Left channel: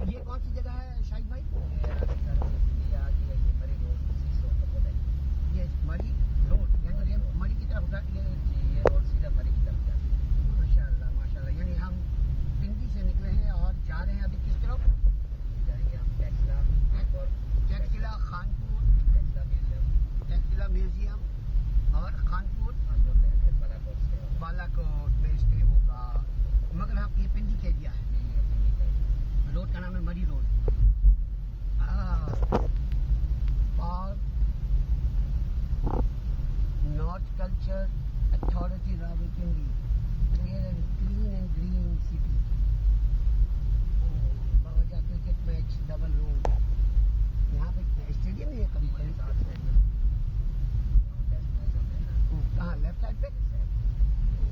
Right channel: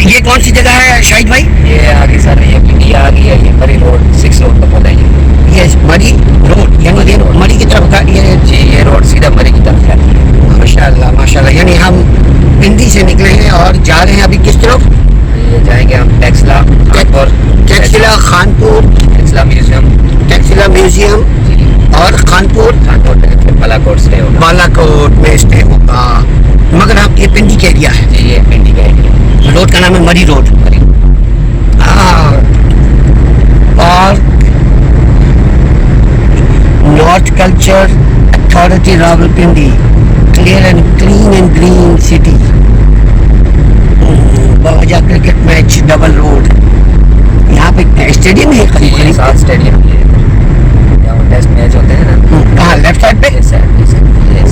یہ کون سی جگہ ہے شاہد بھائی؟ یہ آگے سر یہ پنڈیا آ گئی ہے، یہ مری روڈ 6 روڈ کو بولا ہے یہ مری روڈ، یعنی یہ مری کی طرف کا یہ جی، یہ روڈ سیدھا مری کی طرف جاتی ہے۔ ماشاء اللہ ماشاء اللہ، یعنی ہم پنڈی سے نکلے ہیں اور جا رہے ہیں ابھی کس طرف؟ یہ جائیں گے ہم ٹیکسلا خانپور، ٹیکسلا خانپور، ٹیکسلا میوزیم ٹیکسلا میوزیم جی، اور خانپور پھر بالا کوٹ اسٹے ہوگا۔ بالا کوٹ میں اسٹے ہوگا، مگر آپ یہ پنڈی کا ایریا ہے؟ جی، یہ پنڈی کا ایریا، روڈ کا نام ہے مری روڈ۔ مری اور north culture authority Rawalpindi, clear and clean and green city, بواجہ کرکٹ میچ ڈبل روڈ، یہاں پہ اسٹیڈیم ہے قریب قریب 7 اسٹیڈیم کی ہے، یہاں ٹیسٹ میچ ہوتے ہیں نا۔ کہاں لیفٹ سائڈ پہ؟ یہ سائڈ یہ اسٹیڈیم ہے۔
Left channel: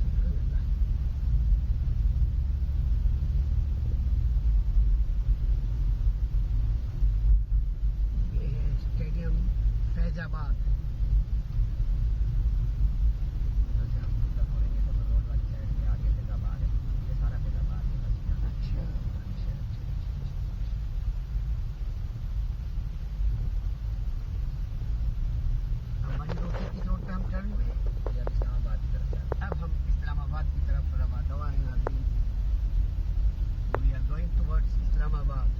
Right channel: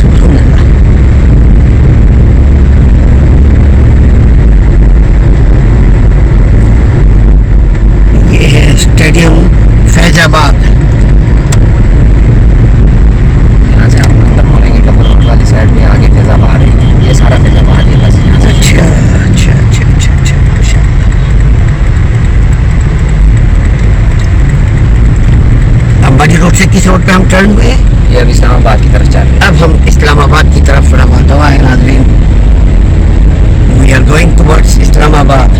سبحان اللہ۔ یہ ہے اسٹیڈیم فیض آباد۔ یہاں سے ہم اندر مولیں گے ڈبل روڈ والی سائڈ میں، آگے فیض آباد ہے، یہ سارا فیض آباد ہے بس یہاں سے۔ اچھا اچھا اچھا اچھا اچھا ماشاء اللہ۔ اب مری روڈ سے کس روڈ پہ ہم ٹرن ہوئے؟ یہ اب اسلام آباد کی طرف چل رہے ہیں۔ اب ہم اسلام آباد کی طرف روانہ ہوا ہے ناظرین، we are going towards Islamabad.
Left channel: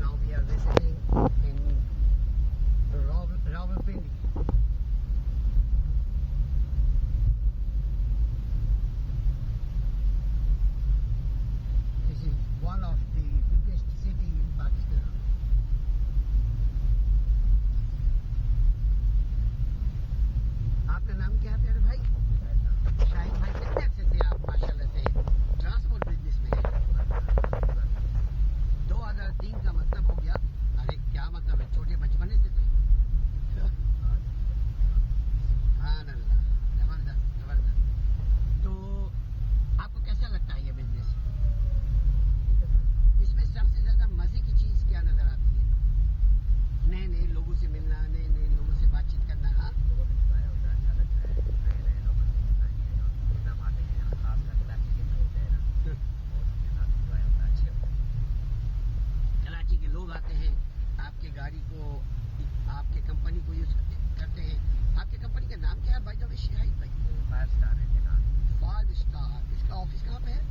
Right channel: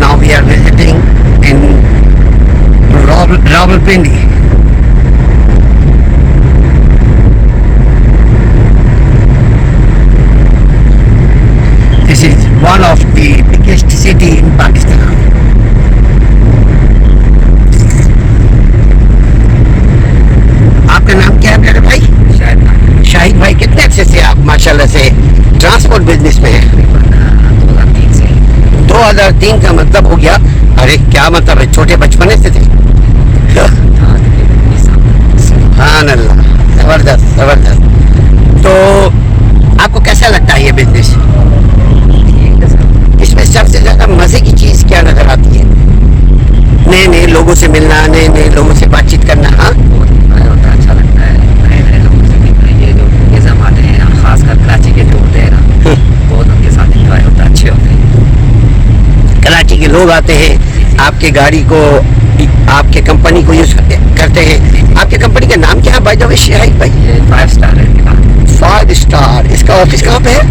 Now we are visiting in Rawalpindi. This is one of the biggest city in Pakistan. آپ کا نام کیا ہے میرے بھائی؟ شاید شاہد بھائی، کتنے عرصے سے آپ ماشاءاللہ سے ٹرانسپورٹ بزنس میں ہیں؟ 2003 سے 2003 کا مطلب ہو گیا، ارے کیا مطلب ہے، چھوٹے بچپنے سے تھے؟ سبحان اللہ، زبردست زبردست۔ تو آپ کو کیسا لگتا ہے یہ بزنس؟ اس میں سب سے زیادہ مزے کی چیز کیا نظر آتی ہے؟ نئے نئے لوگوں سے ملنا، نئے نئے لوگوں سے بات چیت کرنا۔ ہاں ہوتا اچھا لگتا ہے، نئے نئے لوگوں سے ملنا، یہ جو نظام آتے ہیں خاص کر کراچی کے جو ہوتے ہیں نا، بہت ان کے ساتھ انجوائے ہوتا ہے، اچھے ہوتے ہیں۔ کراچی کے لوگ آتے ہیں آپ کے گاڑی کو، آپ کے کمپنی کو یوز کرتے ہیں۔ آپ کے کمپنی کا نام کیا ہے بائی دا وے شاہد بھائی؟ یہ 5 اسٹار ہے، 5 اسٹار۔ اس کا آفس کہاں پہ ہے؟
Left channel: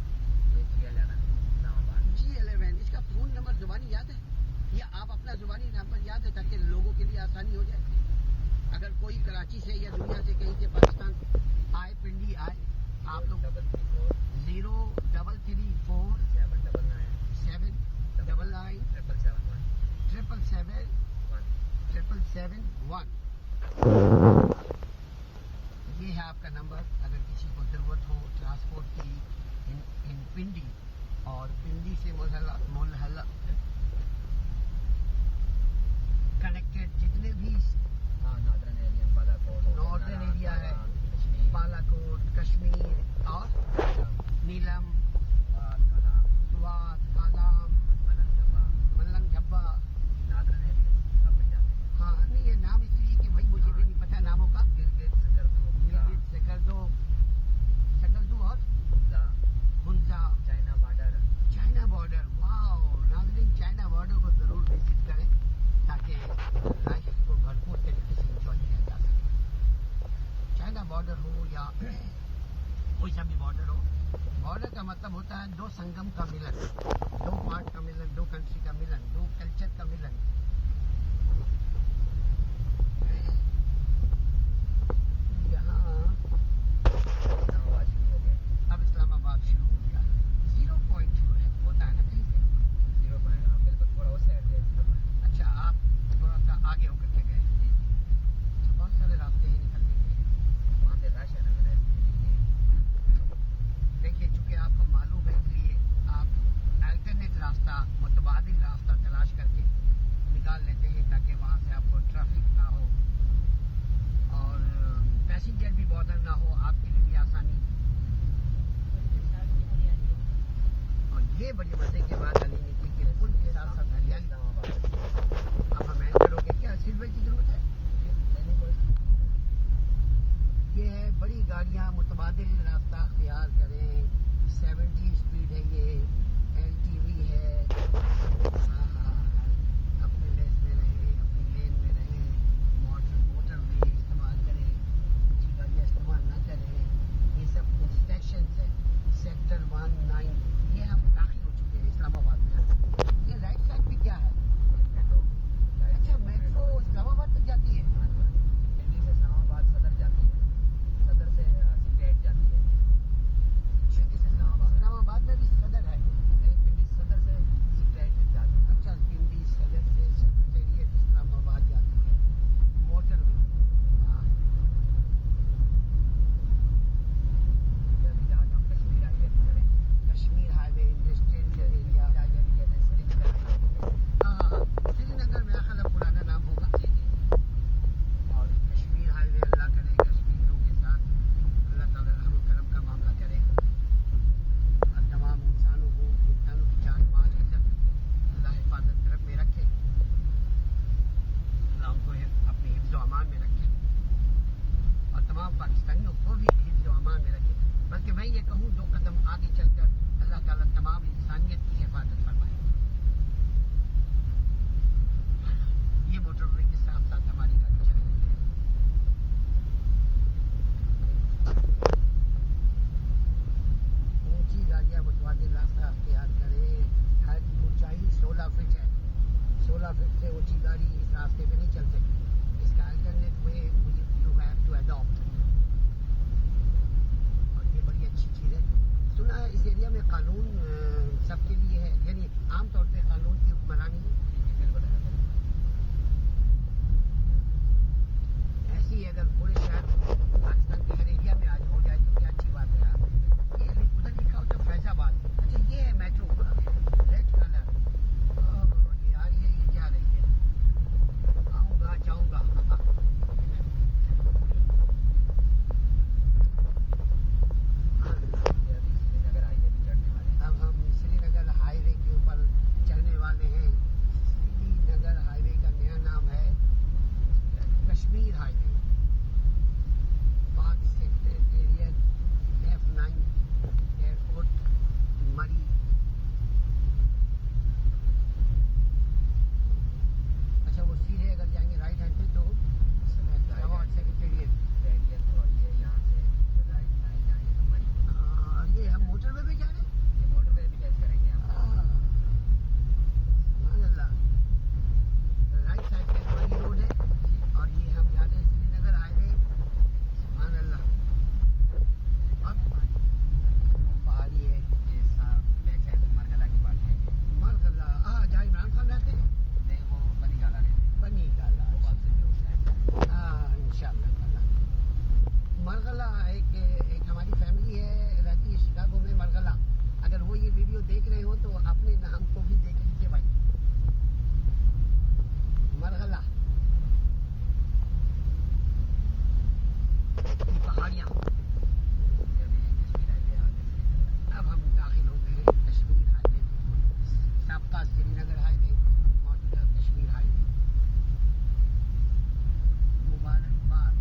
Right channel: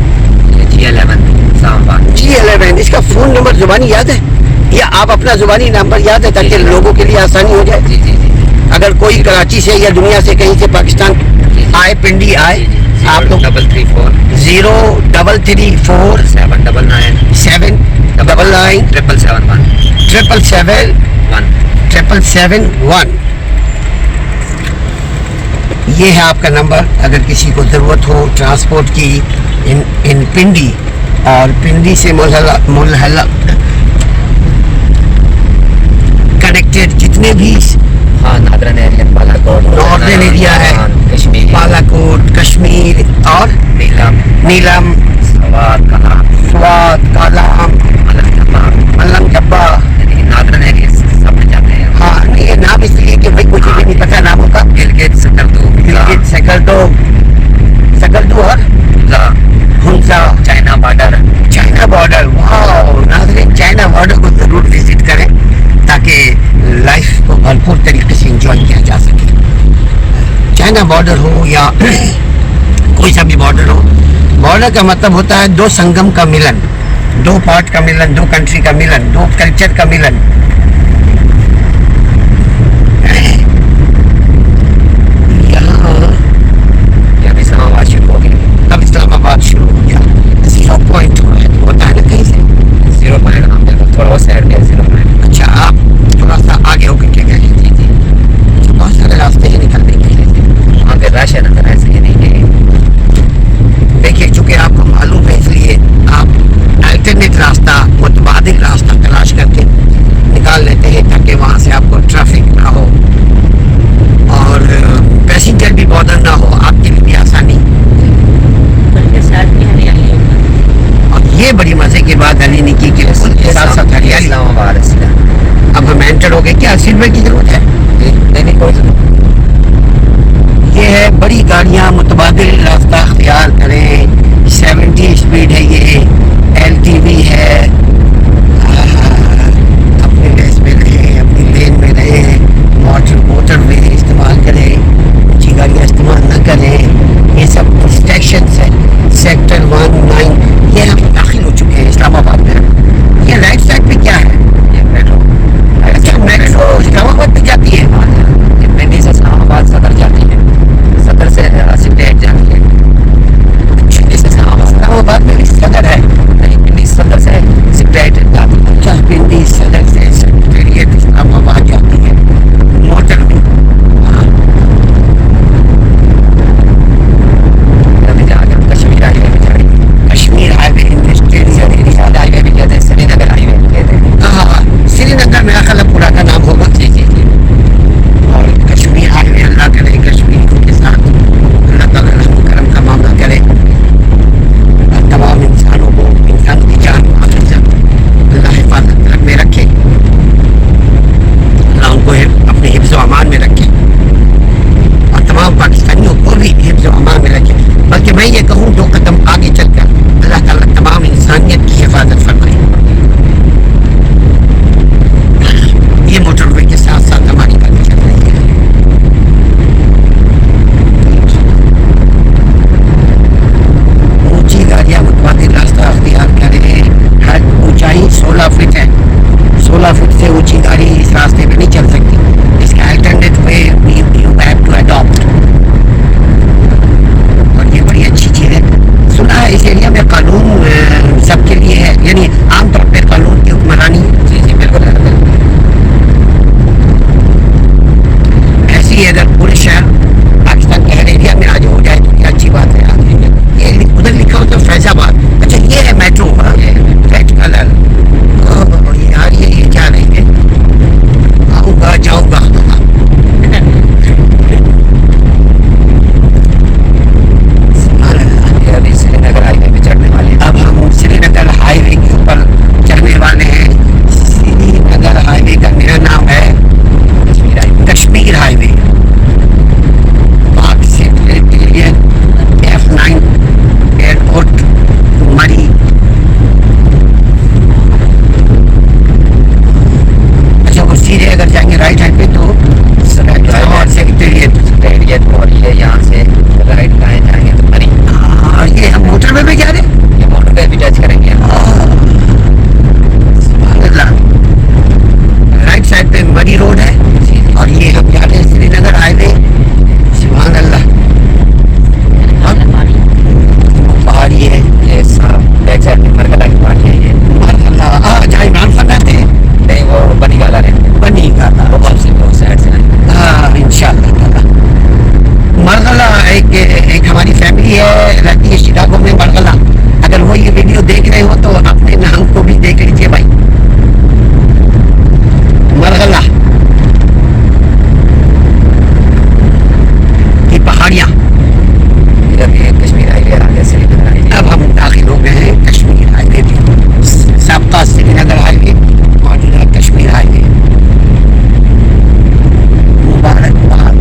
یہ G11 اسلام آباد۔ G11۔ اس کا فون نمبر زبانی یاد ہے یا آپ اپنا زبانی نمبر یاد ہے تاکہ لوگوں کے لیے آسانی ہو جائے؟ جی جی جی، اگر کوئی کراچی سے یا دنیا سے کہیں سے پاکستان آئے، پنڈی آئے، آپ لوگ 334 0334 799 799 777 777 یہ ہے آپ کا نمبر۔ اگر کسی کو ضرورت ہو ٹرانسپورٹ کی ان پنڈی اور پنڈی سے ملحلہ کنیکٹڈ جتنے بھی ہاں، نادرن ایریا، بالا کوٹ، ناردرن ایریا ہے، کشمیر، بالا کوٹ، کشمیر اور نیلم، سوات، کالام، ملم جبا، یعنی نادرن ایریا سب میں جاتے ہیں۔ ہاں نہیں یہ نام اس لیے کہ بھائی مجھے بھی نہیں پتا ناموں کا۔ گلگت، سکردو اور ہنسا، چائنا بارڈر۔ واو ناظرین، چائنا بارڈر کو ضرور وزٹ کریں تاکہ لائف کو بھرپور طریقے سے انجوائے کیا جا سکے۔ چائنا بارڈر ہو یا کوئی سا بھی بارڈر ہو، بارڈر کا مطلب ہوتا ہے دو سنگم کا ملن، دو پارٹ کا ملن، دو کنٹری کا ملن، دو کلچر کا ملن۔ اب اسلام آباد شروع ہو گیا، 0 پوائنٹ ہوتا ہے نا کہیں سے 0 پوائنٹ، ہم تھوڑا بہت سائڈ میں 0 پوائنٹ۔ اچھا آپ تھوڑا سا آگے ہو کر کے گئے؟ جی جی، بہت سارے راستے ہی نکلنے کے لیے وہاں پہ رش ہے نا، ایسے ہی نہیں کہ دیکھیے، چونکہ آپ کو معلوم ہے اس لیے آپ الٹرنیٹ راستہ، متبادل راستہ تلاش کر کے نکال لیتے ہیں تاکہ وہاں سے آپ کو ٹریفک نہ ہو اور پیسنجر بھی بادر نہ ہو، آپ کے لیے بھی آسانی۔ اور یہ بڑی مزے کی بات علی نے کی کہ ساتھ ساتھ ہریالی۔ اسلام آباد ہے سیدھا۔ اب ہم انٹر ہو گئے، کیا سلور کی ضرورت ہے؟ نہیں کوئی ضرورت۔ یہ ہے بڑی گاڑیاں متبادل راستہ اختیار کریں. 70 اسپیڈ ہے, یہ LTV ہے. اپنے ریس میں رہیں, اپنی لین میں رہیں, موٹر وے استعمال کریں, اونچی گاڑیاں استعمال نہ کریں. یہ سب ڈسٹریکشنس ہے. سیکٹر 19 یہ ہم داخل ہو چکے ہیں اسلام آباد میں. یہ رائٹ سائڈ پہ کیا ہے؟ یہ میٹرو. اچھا, میٹرو اسلام آباد پہ جاتی ہے. یہ پنڈی سے اسلام آباد صدر جاتی ہے, صدر سے سپریٹ جاتی ہے. اسلام آباد میں بھی صدر ہے. نہیں, پنڈی صدر سے سپریٹ جاتی ہے. اچھا, پنڈی صدر سے سیکریٹریٹ اسلام آباد جاتی ہے موٹر میں. ابھی جا کے کشمیر ہائی وے بھی جائے گی. کشمیر ہائی وے, انڈسٹریل ہائی وے بھی کہتے ہیں, سری نگر ہائی وے بھی کہتے ہیں. ہاں, سری نگر میرا خیال پرانا نام ہوگا. جی جی جی. اور کشمیر ہائی وے, اللہ کرے کشمیریوں کے ساتھ اللہ تعالیٰ رحم و کرم کا معاملہ کرے. اور تمام انسانوں کو, انسان کی جان و مال عزت اللہ حفاظت میں رکھے. اللہ ان کو اپنے حفظ و امان میں رکھے, اور تمام پاکستانیوں کو بھی حفظ و امان میں رکھے. بلکہ میں یہ کہوں 2 قدم آگے چل کر اللہ تعالیٰ تمام انسانیت کی حفاظت فرمائے. یہ موٹر وے کے ساتھ ساتھ ہماری گاڑی چل رہی ہے. اونچی گاڑیاں متبادل راستہ اختیار کریں. ہر اونچائی 16 فٹ ہے. 16 فٹ سے اونچی گاڑی اس راستے پہ نہیں چل سکتی. اس کا alternate way you have to adapt. اور یہ بڑی اچھی چیز ہے. سنا ہے اس ایریا میں قانون سب کے لیے ہے, یعنی عام طور پہ قانون کی حکمرانی. جی جی بالکل ہے. ایسی ہی اگر پورے شہر پاکستان کے ہر ایریا میں آج ہو جائے تو کیا اچھی بات ہے. یہ ادھر لکھا ہوتا ہے فیض آباد. اچھا, یہ ہے میٹرو. Red colour. یار یہ کیا نہیں ہے, آؤں گا جاؤں گا. ابھی سری نگر ہائی وے بھی چڑھنے والے ہیں. اب ہم سری نگر ہائی وے کے اوپر چڑھنے والے ہیں. سری نگر ہائی وے کا میرا نام ہے کشمیر ہائی وے. کشمیر ہائی وے. پاک سیکریٹریٹ F9 ایئرپورٹ مری. اچھا, وہ سیدھے اگر جائیں گے رائٹ ہینڈ پہ تو سیکریٹریٹ, اور یہ یہاں سے رائٹ لائن جائیں گے تو مری. اور یہ ہم موٹر وے میں جا رہے ہیں. یہ موٹر وے بھی ٹچ کریں گے. سبحان اللہ. رائٹ سائڈ پہ مری روڈ ہے, اور یہ ہم جا رہے ہیں سری نگر ہائی وے. سبحان اللہ. پہاڑی ہے یہ بیک سائڈ میں مرکلہ کی پہاڑی ہے. یہ مرحلہ جہاں عمران خان رہتے ہیں. نہیں, وہ بنی گالا رہتے ہیں. بنی گالا. وہ واپسی میں اس سائڈ سے آئیں گے. ہاں انشاءاللہ تعالیٰ. مرغلہ ایک ہماری فیملی ہے, رہتی ہے شکاگو میں. مرغلہ, اگر وہ یہ ویڈیو دیکھ رہے ہو تو اپنے نام کو بھی دیکھ لیجیے بھائی. مرغلہ کی پہاڑیاں. ابھی کشمیر ہائی وے آ گیا, سری نگر ہائی وے. اب ہم داخل ہو گئے ہیں کشمیر ہائی وے بھی. سابقہ سری نگر ہائی وے, موجودہ کشمیر ہائی وے. مبارکباد.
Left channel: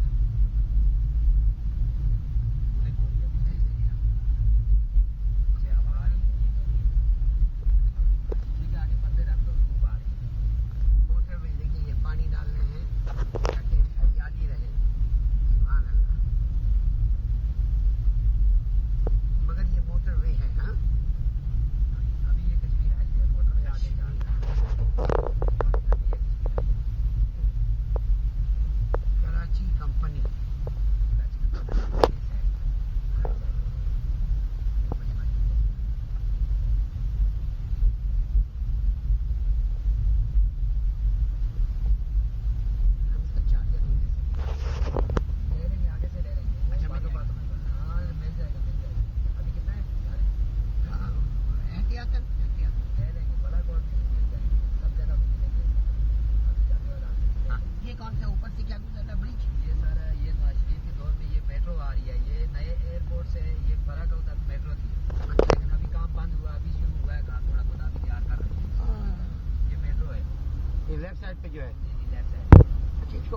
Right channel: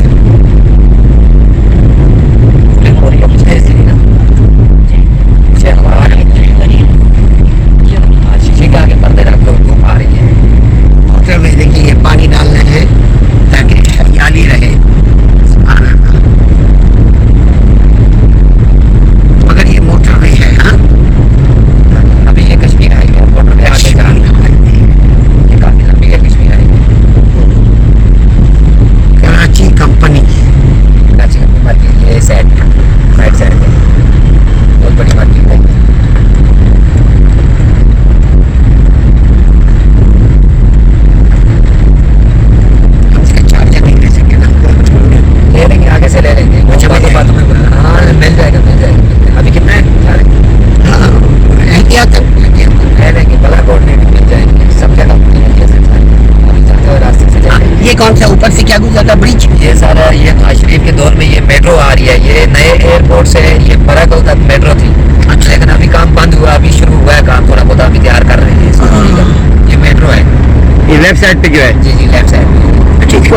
شیشے کے آگے پردے رکھ دو, دھوپ آ رہی ہے. موٹر وے دیکھیے, یہ پانی ڈالنا ہے تاکہ ہریالی رہے. سبحان اللہ. مگر یہ موٹر وے ہے. ہاں, ابھی یہ Kashmir highway motorway آگے جا رہی ہے. یہ کافی لمبی ہے Kashmir highway. Karachi company. Karachi company market یہ سائڈ رائٹ سائڈ پہ بہت بڑی مارکیٹ ہے. ہم اس کا چارجر نہیں لے سکے نا. لے لیں گے, آگے سے لے لیں گے. اچھا, باتوں میں ہاں مل جائے گا, مل جائے گا. ابھی کتنا ہے؟ ہاں, احتیاط لے لیں گے. بلا کوٹ میں بھی مل جائیں گے. سب جگہ مل جائیں گے. ابھی جاتے ہوئے راستے سے لے لیں گے. یہ کون سا اوپر سے کیا گزرتا برج؟ یہ سارا یہ نواز شریف کے دور میں یہ میٹرو آ رہی ہے. یہ نئے ایئرپورٹ سے یہ براکل تک میٹرو تھی. اچھا, لیکن ابھی کام بند ہوا, ابھی شروع ہوا ہے کام. تھوڑا بہت ابھی تیار کر رہے ہیں اس کو. یہ میٹرو ہے. یہ لیفٹ سائڈ پہ جو ہے. جی جی لیفٹ سائڈ. اچھا, اس کو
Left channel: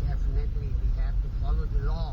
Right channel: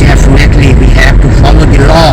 Definitely we have to follow the law.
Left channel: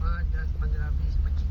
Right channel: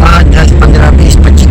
5, 10, 15, 20, 25,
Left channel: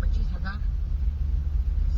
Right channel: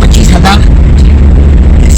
25,000